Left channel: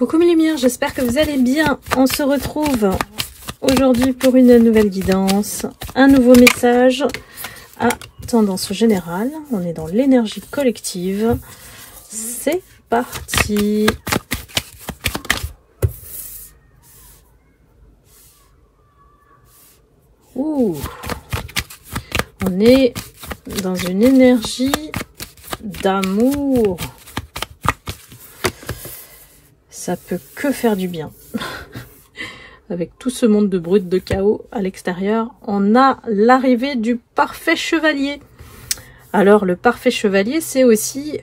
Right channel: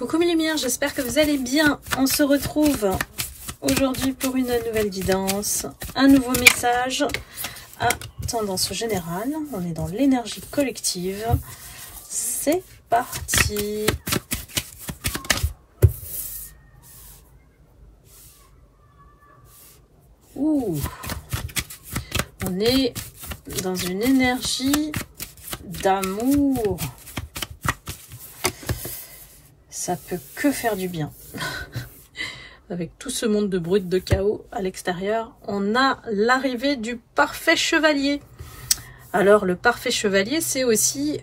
Coucou mes lumières, j'espère que vous allez bien. On se retrouve aujourd'hui pour une nouvelle guidance, un nouveau message à tendance générale. On est dans l'énergie collective. C'est parti. Ouh. On est dans une énergie d'amour. Ça peut que faire du bien. Avec tout ce monde de brut, de chaos à l'extérieur, on a l'arrivée du parfait chevalier. Alors, le parfait chevalier, c'est aussi,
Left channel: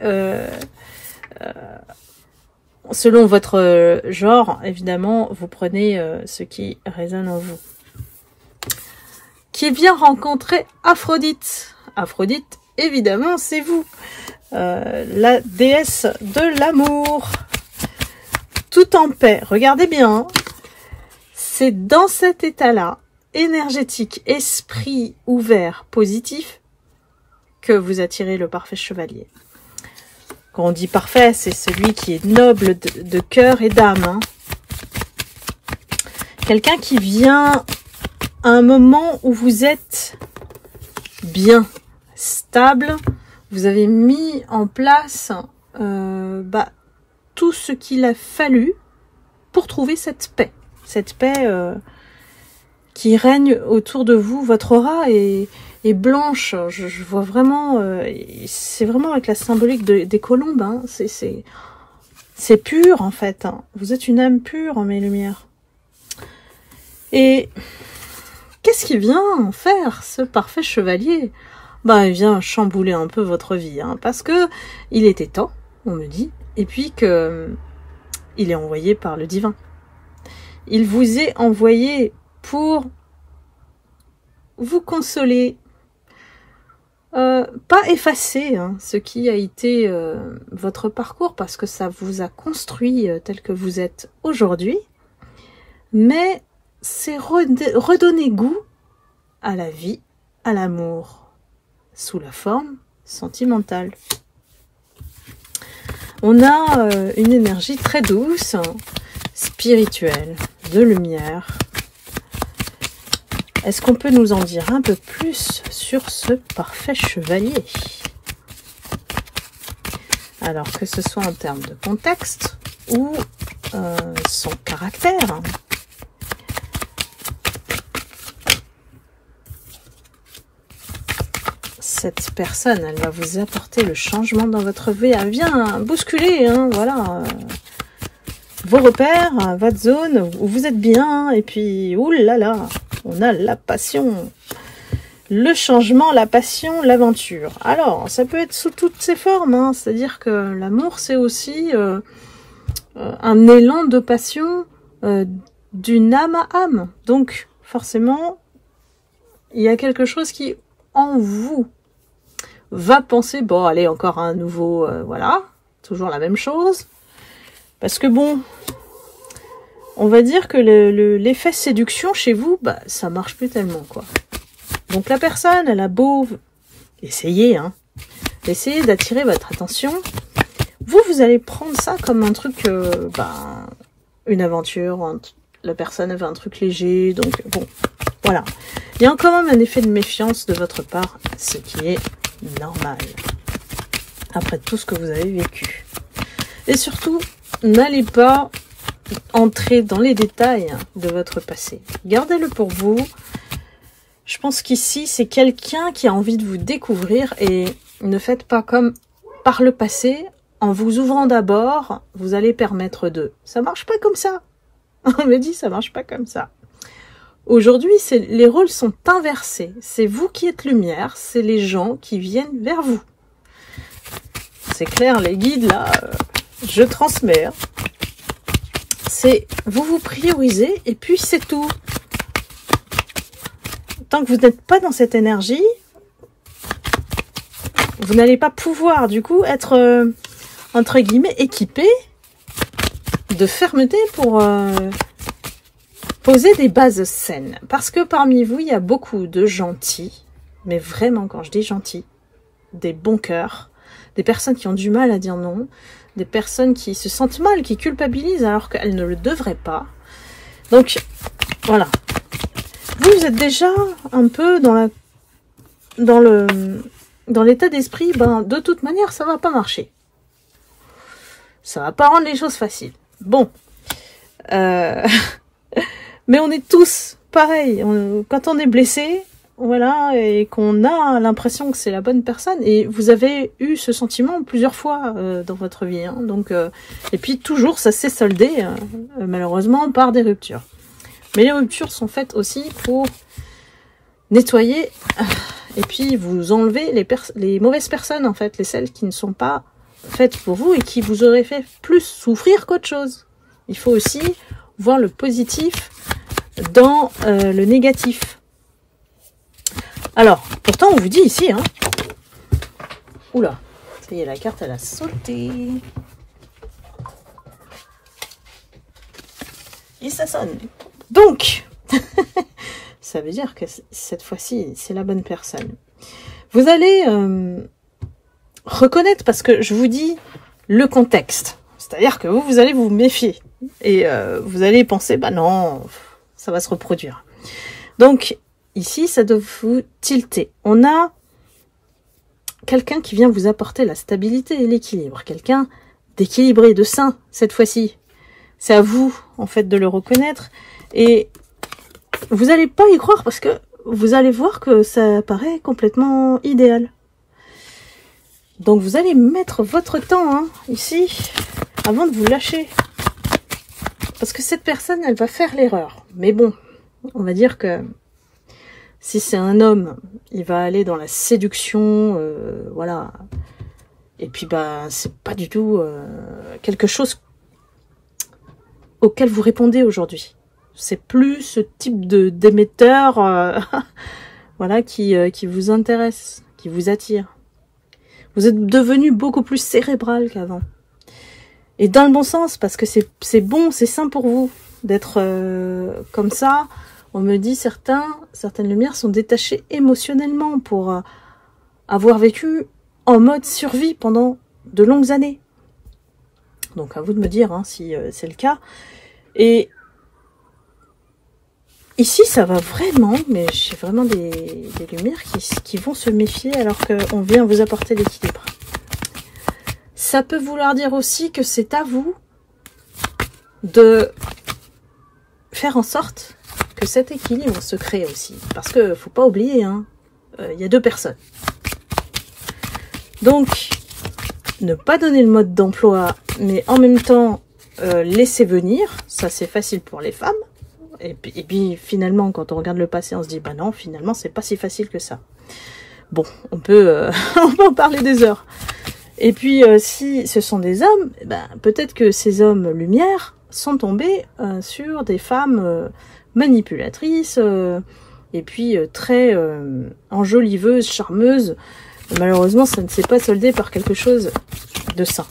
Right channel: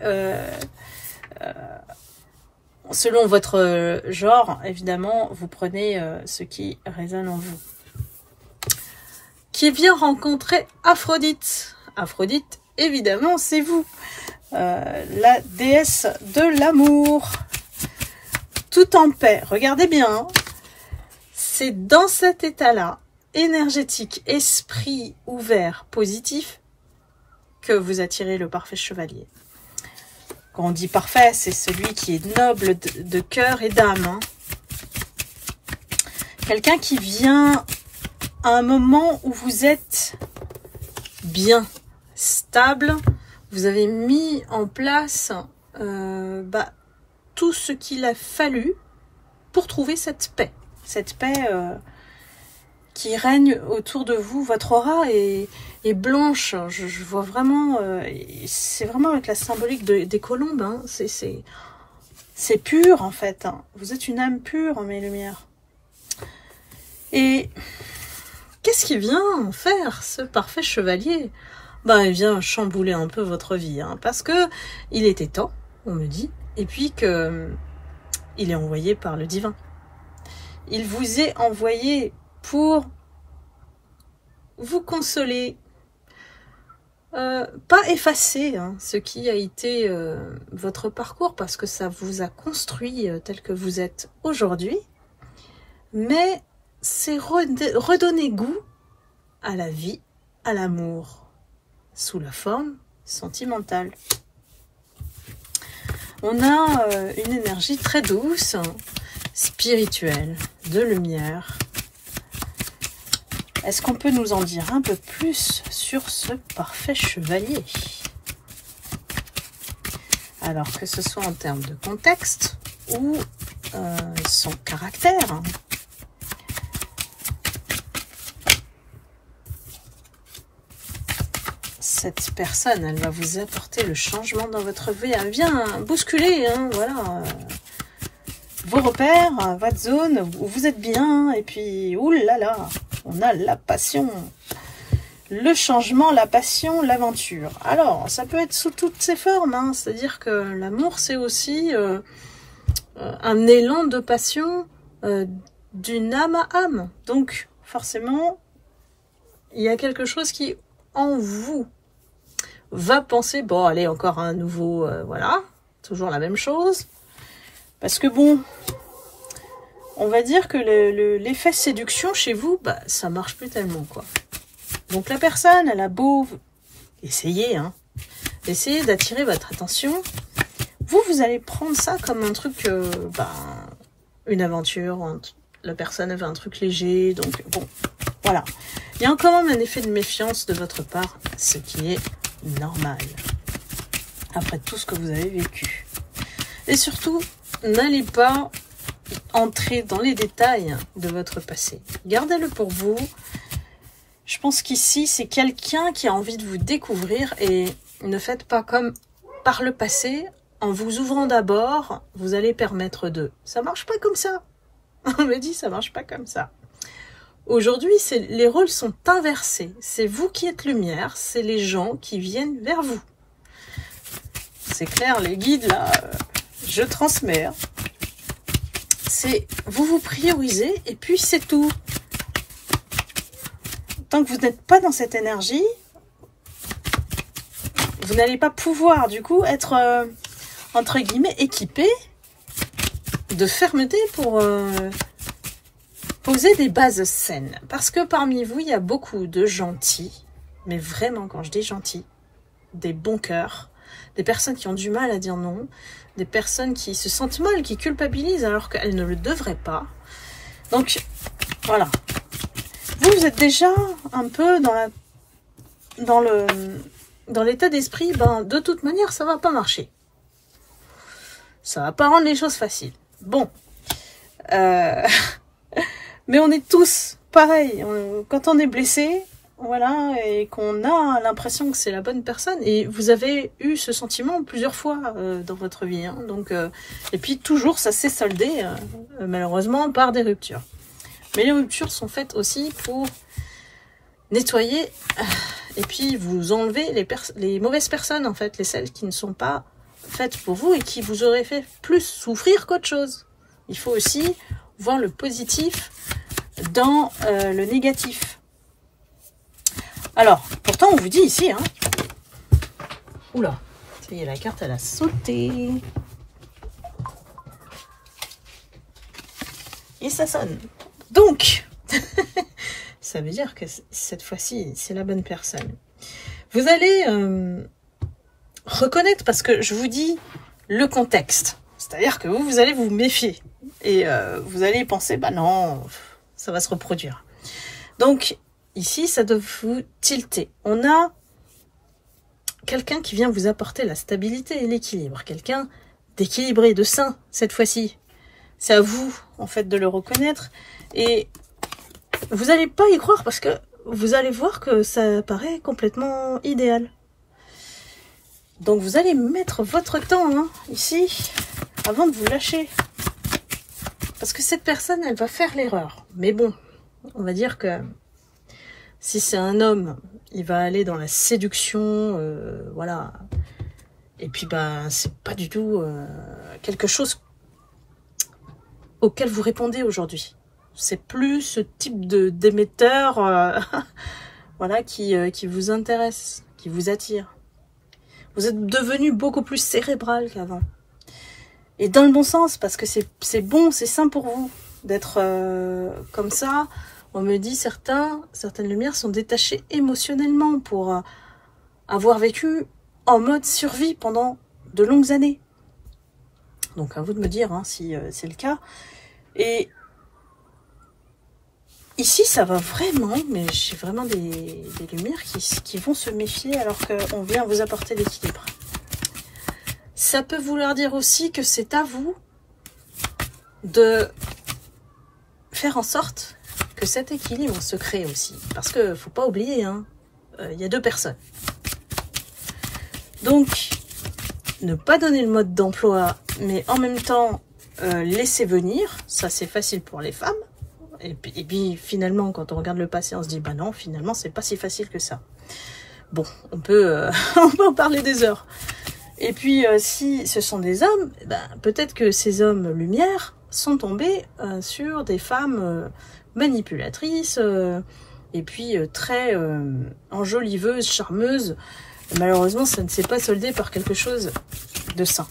selon votre genre, évidemment, vous prenez ce qui résonne en vous. Qui vient rencontrer Aphrodite. Aphrodite, évidemment, c'est vous. La déesse de l'amour. Tout en paix. Regardez bien. Hein. C'est dans cet état-là, énergétique, esprit ouvert, positif, que vous attirez le parfait chevalier. Quand on dit parfait, c'est celui qui est noble de cœur et d'âme. Hein. Quelqu'un qui vient à un moment où vous êtes bien, stable, vous avez mis en place tout ce qu'il a fallu pour trouver cette paix. Cette paix qui règne autour de vous. Votre aura est blanche. Je vois vraiment, c'est vraiment avec la symbolique des colombes. Hein. C'est pur en fait. Hein. Vous êtes une âme pure, mes lumières. Et qu'est-ce qui vient en faire, ce parfait chevalier? Il vient chambouler un peu votre vie. Hein, parce que il était temps, on me dit. Et puis que il est envoyé par le divin. Il vous est envoyé pour vous consoler, pas effacer hein, ce qui a été votre parcours, parce que ça vous a construit tel que vous êtes aujourd'hui, mais c'est redonner goût à la vie, à l'amour, sous la forme sentimentale. On a une énergie très douce, spirituelle, de lumière. Est-ce qu'on peut nous en dire un peu plus sur ce parfait chevalier? Alors que ce soit en termes de contexte ou son caractère. Cette personne, elle va vous apporter le changement dans votre vie. Elle vient bousculer, hein, voilà, vos repères, votre zone où vous êtes bien. Et puis, oulala, on a la passion, le changement, la passion, l'aventure. Alors, ça peut être sous toutes ses formes. Hein, c'est-à-dire que l'amour, c'est aussi un élan de passion d'une âme à âme. Donc, forcément, il y a quelque chose qui, en vous, va penser, bon, allez, encore un nouveau, voilà, toujours la même chose. Parce que bon, on va dire que l'effet séduction chez vous, ça marche plus tellement, quoi. Donc la personne, elle a beau essayer, hein, essayer d'attirer votre attention, vous allez prendre ça comme un truc, une aventure, la personne avait un truc léger, donc bon, voilà. Il y a quand même un effet de méfiance de votre part, ce qui est normal, après tout ce que vous avez vécu. Et surtout, n'allez pas entrer dans les détails de votre passé. Gardez-le pour vous. Je pense qu'ici, c'est quelqu'un qui a envie de vous découvrir et ne faites pas comme par le passé. En vous ouvrant d'abord, vous allez permettre de... Ça marche pas comme ça. On me dit, ça marche pas comme ça. Aujourd'hui, les rôles sont inversés. C'est vous qui êtes lumière, c'est les gens qui viennent vers vous. C'est clair, les guides, là, je transmets. Hein. C'est vous priorisez et puis c'est tout. Tant que vous n'êtes pas dans cette énergie, vous n'allez pas pouvoir, du coup, être, entre guillemets, équipé de fermeté pour... poser des bases saines. Parce que parmi vous, il y a beaucoup de gentils. Mais vraiment, quand je dis gentils, des bons cœurs. Des personnes qui ont du mal à dire non. des personnes qui se sentent mal, qui culpabilisent alors qu'elles ne le devraient pas. Donc, voilà. Vous êtes déjà un peu dans l'état d'esprit, ben, de toute manière, ça va pas marcher. Ça va pas rendre les choses faciles. Bon. Mais on est tous pareils. Quand on est blessé, voilà, et qu'on a l'impression que c'est la bonne personne, et vous avez eu ce sentiment plusieurs fois dans votre vie, hein, donc, et puis toujours ça s'est soldé malheureusement par des ruptures. Mais les ruptures sont faites aussi pour nettoyer et puis vous enlever les mauvaises personnes, en fait, celles qui ne sont pas faites pour vous et qui vous auraient fait plus souffrir qu'autre chose. Il faut aussi voir le positif dans le négatif. Alors, pourtant, on vous dit ici, hein. Oula, ça y est, la carte, elle a sauté. Et ça sonne. Donc, ça veut dire que cette fois-ci, c'est la bonne personne. Vous allez reconnaître, parce que je vous dis le contexte. C'est-à-dire que vous allez vous méfier. Et vous allez penser, bah non, ça va se reproduire. Donc, ici, ça doit vous tilter. On a quelqu'un qui vient vous apporter la stabilité et l'équilibre. Quelqu'un d'équilibré, de sain, cette fois-ci. C'est à vous, en fait, de le reconnaître. Et vous n'allez pas y croire parce que vous allez voir que ça paraît complètement idéal. Donc, vous allez mettre votre temps, hein, ici, avant de vous lâcher. Parce que cette personne, elle va faire l'erreur. Mais bon, on va dire que si c'est un homme, il va aller dans la séduction, voilà. Et puis, bah, c'est pas du tout quelque chose auquel vous répondez aujourd'hui. C'est plus ce type d'émetteur, voilà, qui vous intéresse, qui vous attire. Vous êtes devenu beaucoup plus cérébral qu'avant. Et dans le bon sens, parce que c'est bon, c'est sain pour vous d'être comme ça. On me dit certaines lumières sont détachées émotionnellement pour avoir vécu en mode survie pendant de longues années. Donc à vous de me dire hein, si c'est le cas. Et ici ça va vraiment, mais j'ai vraiment des lumières qui vont se méfier alors qu'on vient vous apporter l'équilibre. Ça peut vouloir dire aussi que c'est à vous de faire en sorte que cet équilibre se crée aussi. Parce que faut pas oublier, hein, y a deux personnes. Donc, ne pas donner le mode d'emploi, mais en même temps, laisser venir. Ça, c'est facile pour les femmes. Et puis, finalement, quand on regarde le passé, on se dit, bah non, finalement, c'est pas si facile que ça. Bon, on peut en parler des heures. Et puis, si ce sont des hommes, ben, peut-être que ces hommes lumière sont tombés sur des femmes manipulatrices et puis très enjoliveuses, charmeuses. Malheureusement, ça ne s'est pas soldé par quelque chose de sain.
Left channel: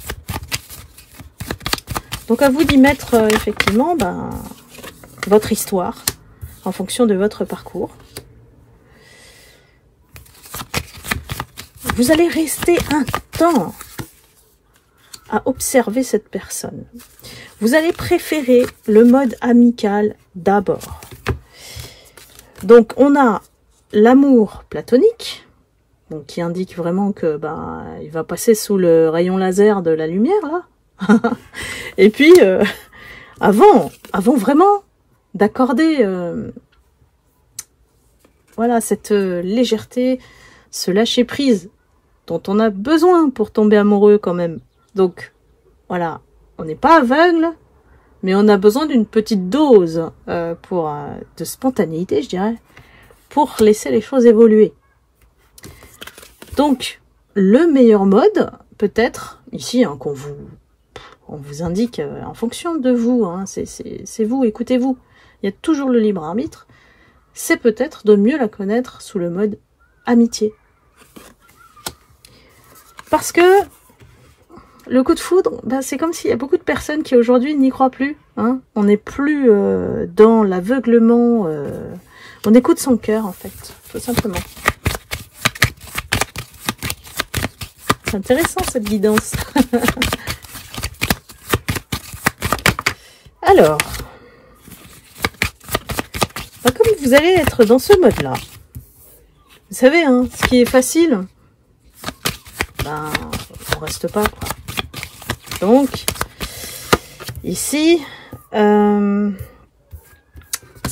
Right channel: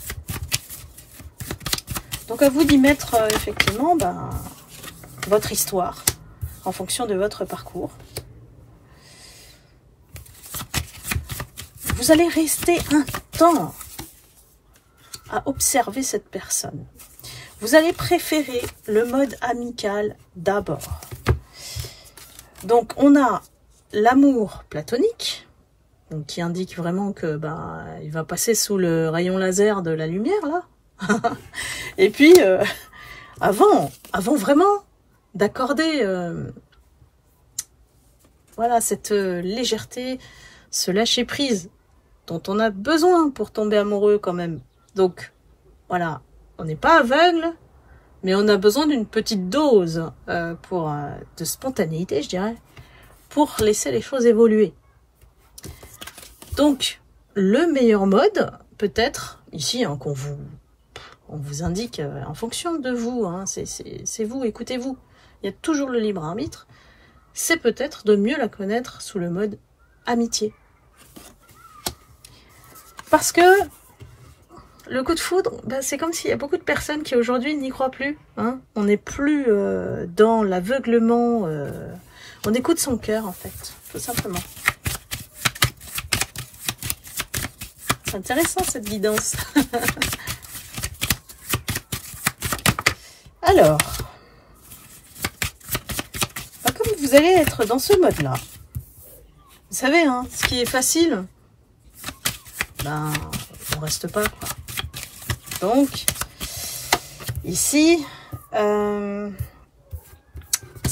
Donc, à vous d'y mettre effectivement ben, votre histoire en fonction de votre parcours. Vous allez rester un temps à observer cette personne. Vous allez préférer le mode amical d'abord. Donc, on a l'amour platonique, donc qui indique vraiment que ben, il va passer sous le rayon laser de la lumière, là. Et puis, avant vraiment d'accorder voilà, cette légèreté, ce lâcher-prise dont on a besoin pour tomber amoureux quand même. Donc, voilà, on n'est pas aveugle, mais on a besoin d'une petite dose de spontanéité, je dirais, pour laisser les choses évoluer. Donc, le meilleur mode, peut-être, ici, hein, on vous indique en fonction de vous, hein, c'est vous, écoutez-vous, il y a toujours le libre arbitre, c'est peut-être de mieux la connaître sous le mode amitié. Parce que le coup de foudre, ben, c'est comme s'il y a beaucoup de personnes qui aujourd'hui n'y croient plus. Hein. On n'est plus dans l'aveuglement. On écoute son cœur, en fait, tout simplement. C'est intéressant, cette guidance. vous allez être dans ce mode-là. Vous savez, hein, ce qui est facile, ben, on reste pas, quoi. Donc, ici, ce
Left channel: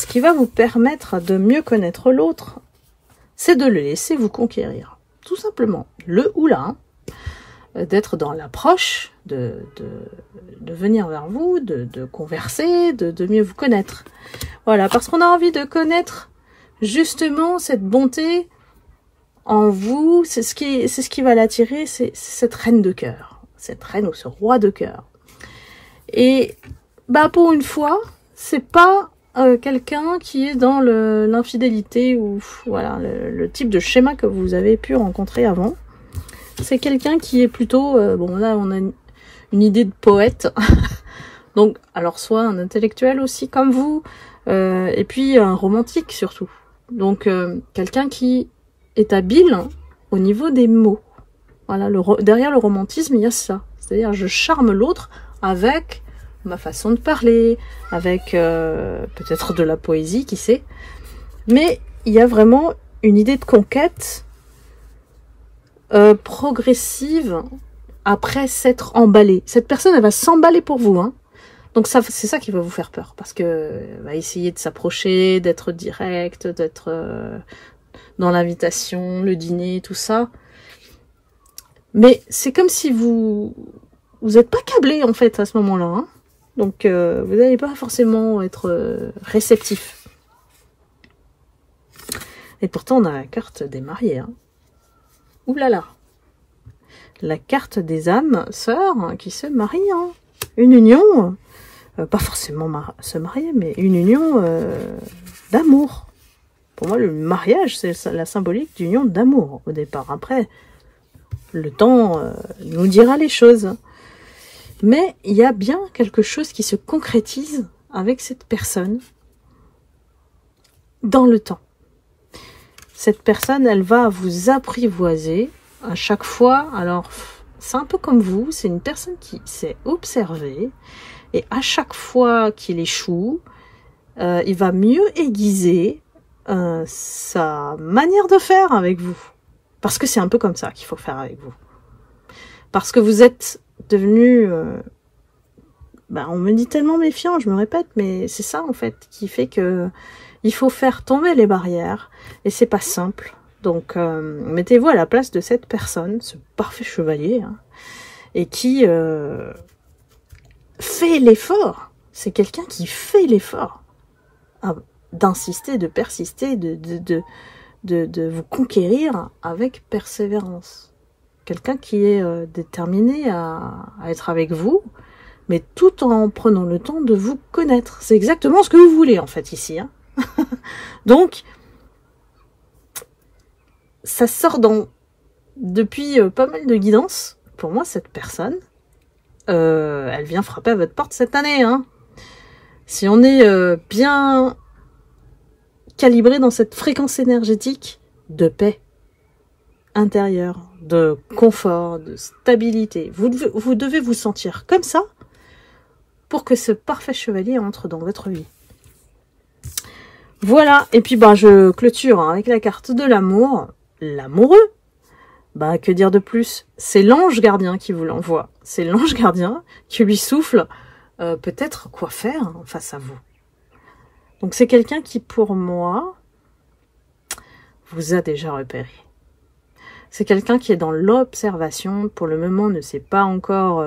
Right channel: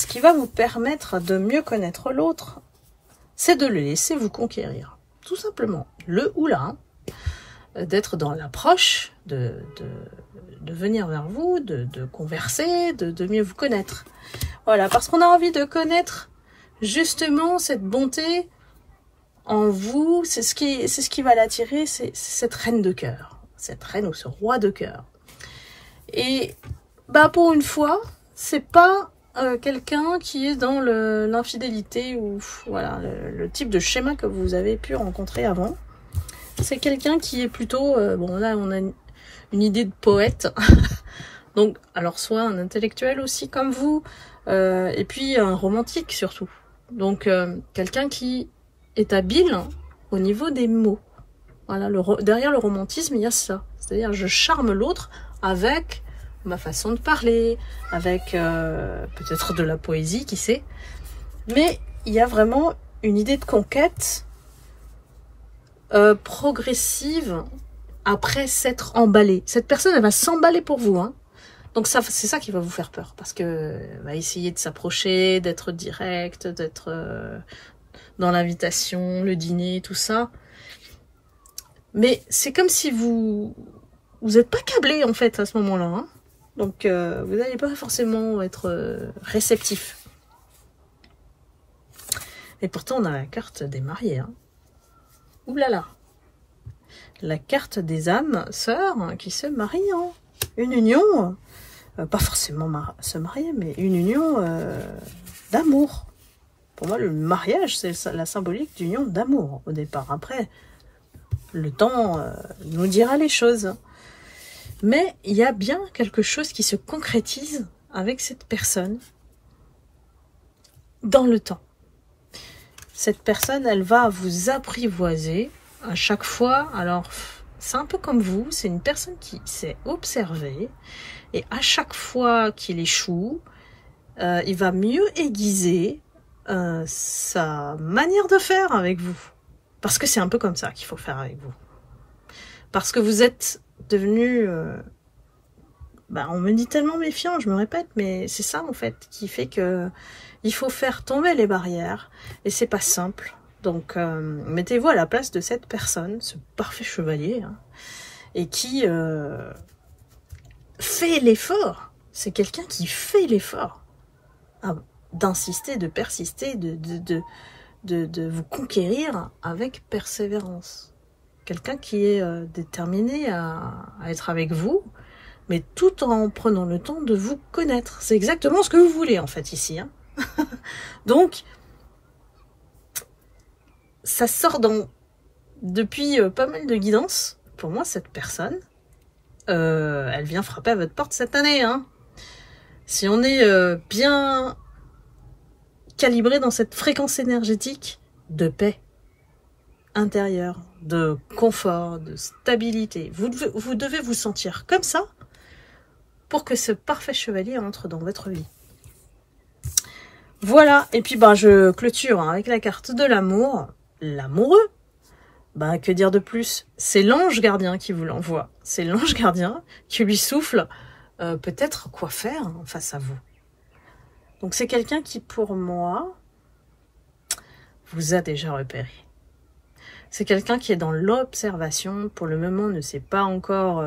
qui va vous permettre de mieux connaître l'autre, c'est de le laisser vous conquérir. Tout simplement. Le ou la, d'être dans l'approche, de venir vers vous, de converser, de mieux vous connaître. Voilà, parce qu'on a envie de connaître justement cette bonté en vous, c'est ce qui va l'attirer, c'est cette reine de cœur, cette reine ou ce roi de cœur. Et bah pour une fois, c'est pas quelqu'un qui est dans l'infidélité ou voilà le type de schéma que vous avez pu rencontrer avant. C'est quelqu'un qui est plutôt, bon là on a une idée de poète, donc alors soit un intellectuel aussi comme vous, et puis un romantique surtout. Donc quelqu'un qui est habile au niveau des mots. Voilà, derrière le romantisme, il y a ça. C'est-à-dire, je charme l'autre avec ma façon de parler, avec peut-être de la poésie, qui sait. Mais il y a vraiment une idée de conquête progressive après s'être emballée. Cette personne, elle va s'emballer pour vous, hein. Donc c'est ça qui va vous faire peur, parce que elle va essayer de s'approcher, d'être direct, d'être dans l'invitation, le dîner, tout ça. Mais c'est comme si vous n'êtes pas câblé en fait à ce moment-là, hein. Donc vous n'allez pas forcément être réceptif. Et pourtant on a la carte des mariés, hein. Ouh là là, la carte des âmes sœurs qui se marient, hein. Une union, pas forcément se marier, mais une union d'amour. Pour moi, le mariage, c'est la symbolique d'union d'amour au départ. Après, le temps nous dira les choses. Mais il y a bien quelque chose qui se concrétise avec cette personne dans le temps. Cette personne, elle va vous apprivoiser à chaque fois. Alors, c'est un peu comme vous, c'est une personne qui s'est observée. Et à chaque fois qu'il échoue, il va mieux aiguiser sa manière de faire avec vous. Parce que c'est un peu comme ça qu'il faut faire avec vous. Parce que vous êtes devenu... ben on me dit tellement méfiant, je me répète, mais c'est ça en fait qui fait que il faut faire tomber les barrières. Et c'est pas simple. Donc mettez-vous à la place de cette personne, ce parfait chevalier, hein, et qui fait l'effort. C'est quelqu'un qui fait l'effort d'insister, de persister, de vous conquérir avec persévérance. Quelqu'un qui est déterminé à être avec vous, mais tout en prenant le temps de vous connaître. C'est exactement ce que vous voulez, en fait, ici, hein. Donc, ça sort depuis pas mal de guidance. Pour moi, cette personne, elle vient frapper à votre porte cette année, hein. Si on est bien calibré dans cette fréquence énergétique de paix intérieure, de confort, de stabilité, vous devez vous sentir comme ça pour que ce parfait chevalier entre dans votre vie. Voilà, et puis ben je clôture avec la carte de l'amour, l'amoureux. Ben que dire de plus? C'est l'ange gardien qui vous l'envoie. C'est l'ange gardien qui lui souffle peut-être quoi faire face à vous. Donc c'est quelqu'un qui pour moi vous a déjà repéré. C'est quelqu'un qui est dans l'observation, pour le moment ne s'est pas encore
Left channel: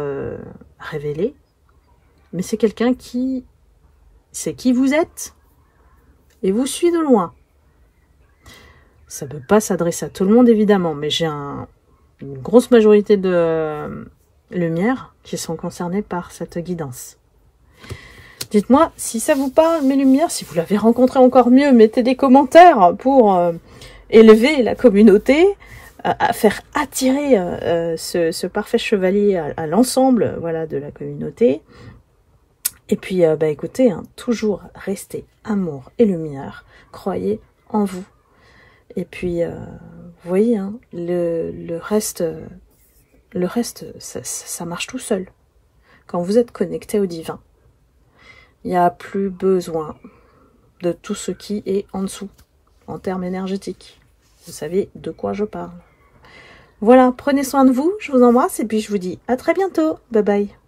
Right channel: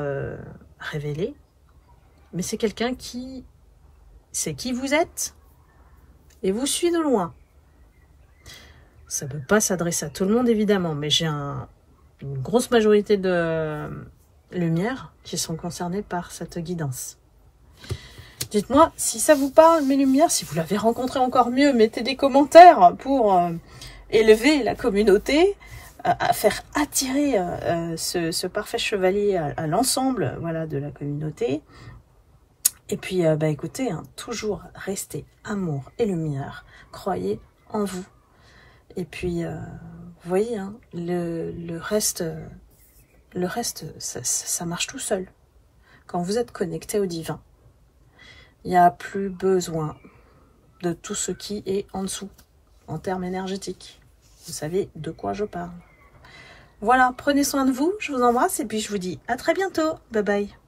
révélé, mais c'est quelqu'un qui sait qui vous êtes et vous suit de loin. Ça ne peut pas s'adresser à tout le monde évidemment, mais j'ai une grosse majorité de lumières qui sont concernées par cette guidance. Dites-moi si ça vous parle, mes lumières, si vous l'avez rencontré encore mieux, mettez des commentaires pour élever la communauté, à faire attirer ce parfait chevalier à l'ensemble, voilà, de la communauté. Et puis, bah, écoutez, hein, toujours restez amour et lumière, croyez en vous. Et puis, vous voyez, hein, le reste, ça marche tout seul. Quand vous êtes connecté au divin, il n'y a plus besoin de tout ce qui est en dessous, en termes énergétiques. Vous savez de quoi je parle. Voilà, prenez soin de vous, je vous embrasse et puis je vous dis à très bientôt. Bye bye.